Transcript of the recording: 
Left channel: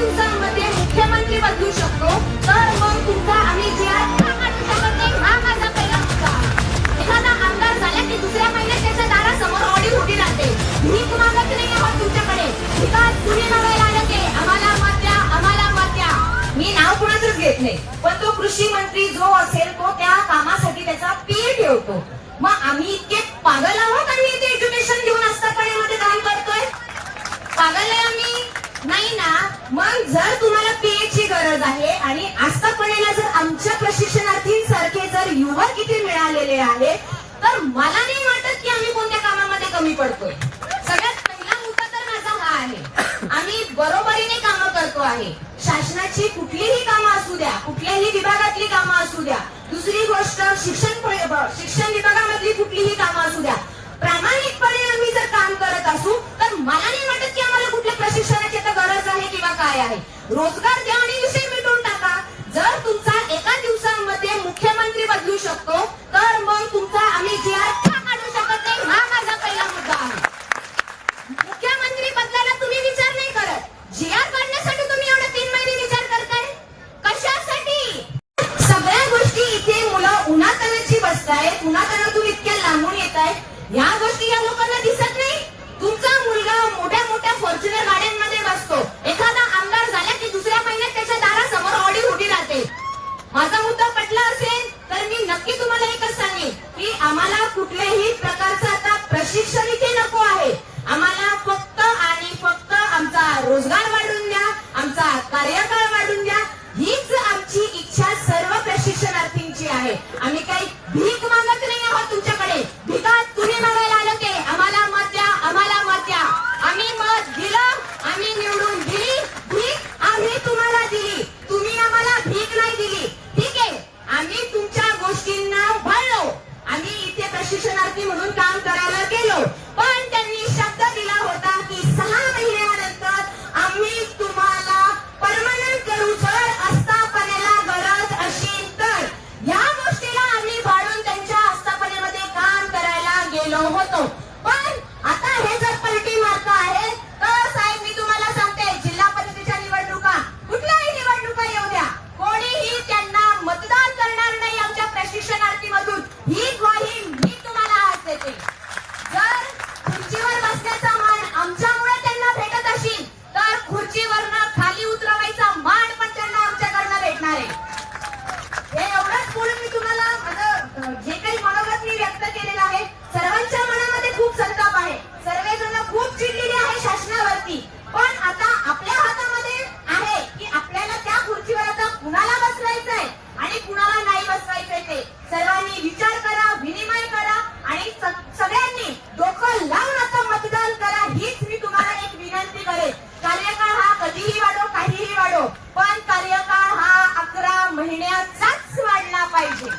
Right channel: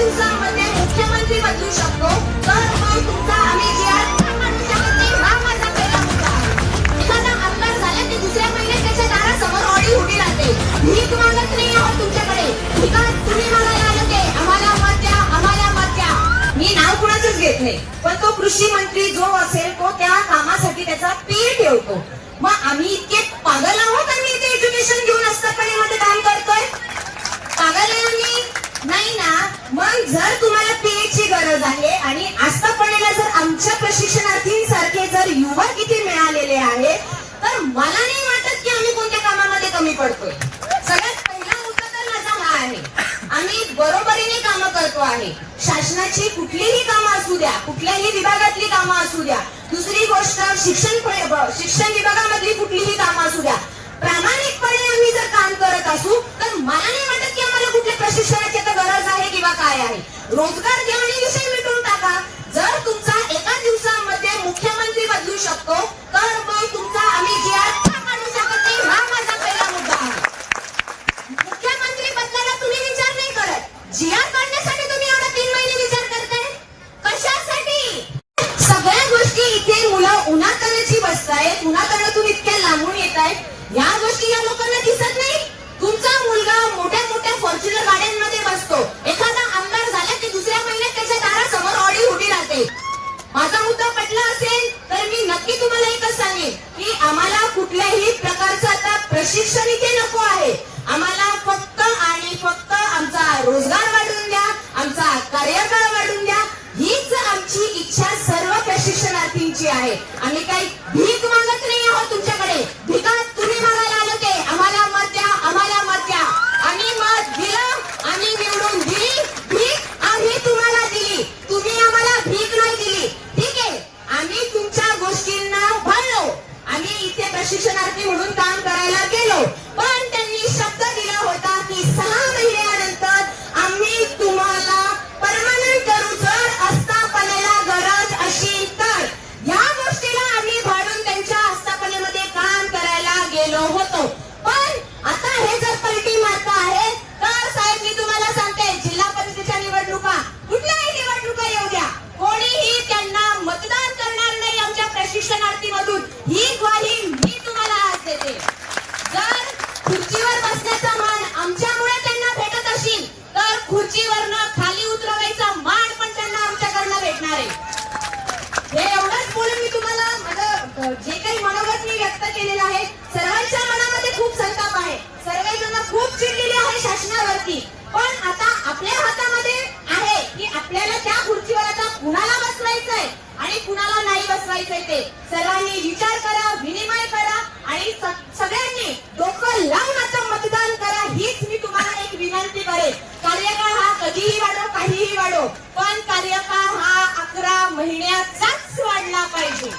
दिवसांमध्ये मुख्यमंत्री बदलू शकतो, तर मग तुमचा आम्ही जी आर का काढू शकत नाही, हा माझा पहिला मुद्दा आहे. एखादा आमदार झाला की दुसऱ्या महिन्यात त्याच्या दारासमोर ऑडी उभी राहते. भीक मागत नाही आहोत तुमच्याकडे, भिका तुम्ही मागायला आले ते आम्हाला मत द्या, आम्हाला मत द्या. मी नाव कोणाचंच घेत नाही, पण तो कृषी मंत्री जो असेल तो त्या कामासाठी त्याचा पीए ठेवतो. मग आम्ही इतके पागल आहोत आणि इथे एज्युकेशन घेऊन आस्थापनेमध्ये काम करतोय? पागल आहे आम्ही? नाही ना. मग जर तुम्हाला पीएची गरज आहे आणि आस्थापनेला जर आमच्या प्रशिक्षणार्थींसारखे जर युवक इथे मिळालेले आहेत, तर मला नाही वाटत की आम्ही कोणत्या कामामध्ये कमी पडतोय. सगळ्यात पहिला मुद्दा तर माझा हा आहे, आम्ही बरोबरीने कामं करतो आहे. शासनाची कुठलीही कामं असू द्या, कुठल्याही विभागातली कामं असू द्या. दुसरी गोष्ट, शिक्षण विभागामधली कुठलीही कामं असू द्या, प्रामाणिकपणे आम्ही जर काम करत असू तर मला नाही वाटत की आम्हाला कुठल्या प्रशिक्षणाची गरज आहे किंवा काय आहे. रोजगार द्या आणि विषय मिटवून टाका. जर तुमचा एका दिवसामध्ये मुख्यमंत्री बदलू शकतो, तर मग तुमचा आम्ही जी आर का काढू शकत नाही, हा माझा पहिला मुद्दा आहे. मुख्यमंत्री बदलायला तुम्ही विचार नाही करत, जी आर काढण्यासाठी तुम्ही एवढा 3 महिने विचार करताय कशासाठी? सगळ्या गोष्टी इथे मुलं उन्हातानाची बसतायत, उन्हातानातून इतक्या लांबून येत आहेत. ह्या गोष्टी या लोकांना दिसत नाही. तुमचा मुलगा मोठ्या मोठ्या फॉर्च्युनर गाड्यांमध्ये बसतो, एखादा आमदार झाला की दुसऱ्या महिन्यात त्याच्या दारासमोर ऑडी उभी राहते. माझा मुद्दा पटला असेल तर मी नक्की तुम्हाला एकच सांगेन की आम्हाला कुठल्याही प्रकारचं आता प्रशिक्षण इथे नको आहे. आम्हाला फक्त आणि फक्त आमचा रोजगार वाढवून द्या, आमचा कार्यकाळ वाढवून द्या, हीच आमची इच्छा सर्व प्रशिक्षणार्थींची आहे. आम्ही काही भीक मागत नाही आहोत तुमच्याकडे. भिका तुम्ही मागायला आले ते आम्हाला मत द्या, आम्हाला मत द्या. आम्ही मत दिलं, आम्ही निवडून दिली. भीक आम्ही तुम्हाला दिली, तुम्ही आम्हाला भीक नाही दिली. ठीक आहे, आम्ही तुमच्या गोष्टींना भरलो. आम्ही इथे प्रशिक्षणार्थी म्हणून काम करायला गेलो, पण त्यांनी शब्द दिला होता की 6 महिन्यानंतर आम्ही तुम्हाला परमनंट करू जर आस्थापनेला गरज असेल तर. या गोष्टीला आम्ही भाडून त्यांच्या आस्थापनेमध्ये काम करायला गेलो होतो. पण आता हे जर पलटी मारता आहे तर साहेब मी तुम्हाला सांगते, जिल्हा परिषदेच्या निवडणुका, कुठल्याही निवडणुका येऊ द्या, कोणीही त्यांना मतदान करणार नाही आमच्या प्रशिक्षणार्थीमधून. ही ग्वाही मी तुम्हाला आज देते. जर खुर्चीवर बसण्याचा मान आमच्यामुळे त्यांना भेटत असेल तर खुर्चीवरनं खाली उतरवायचा मान पण त्यांना आमच्याकडनं भेटणार आहे. हे एवढंच बोलून मी तुम्हाला माझं जे काही मनोगत मी व्यक्त केलेलं आहे, सर्वांच्या मनामध्ये खूप संताप आहे, सर्वजण खूप चिडलेले आहे शासनावरती. पण आता आपल्या हातामध्ये आहे की आपल्याला त्या खुर्चीवर आता कुणाला बसवायचंय आणि कुणाला नाही बसवायचंय ते सर्वांनी विचार करा, विनिमय करा आणि सगळ्यांनी डोकं लावून आता मतदान करा. हीच मी तुम्हाला एक विनंती करेन. कार्यकाळ हा कधीही वाढो, काहीही वाढो, पण कार्यकाळ हा 11 महिन्याचाच वाढला पाहिजे.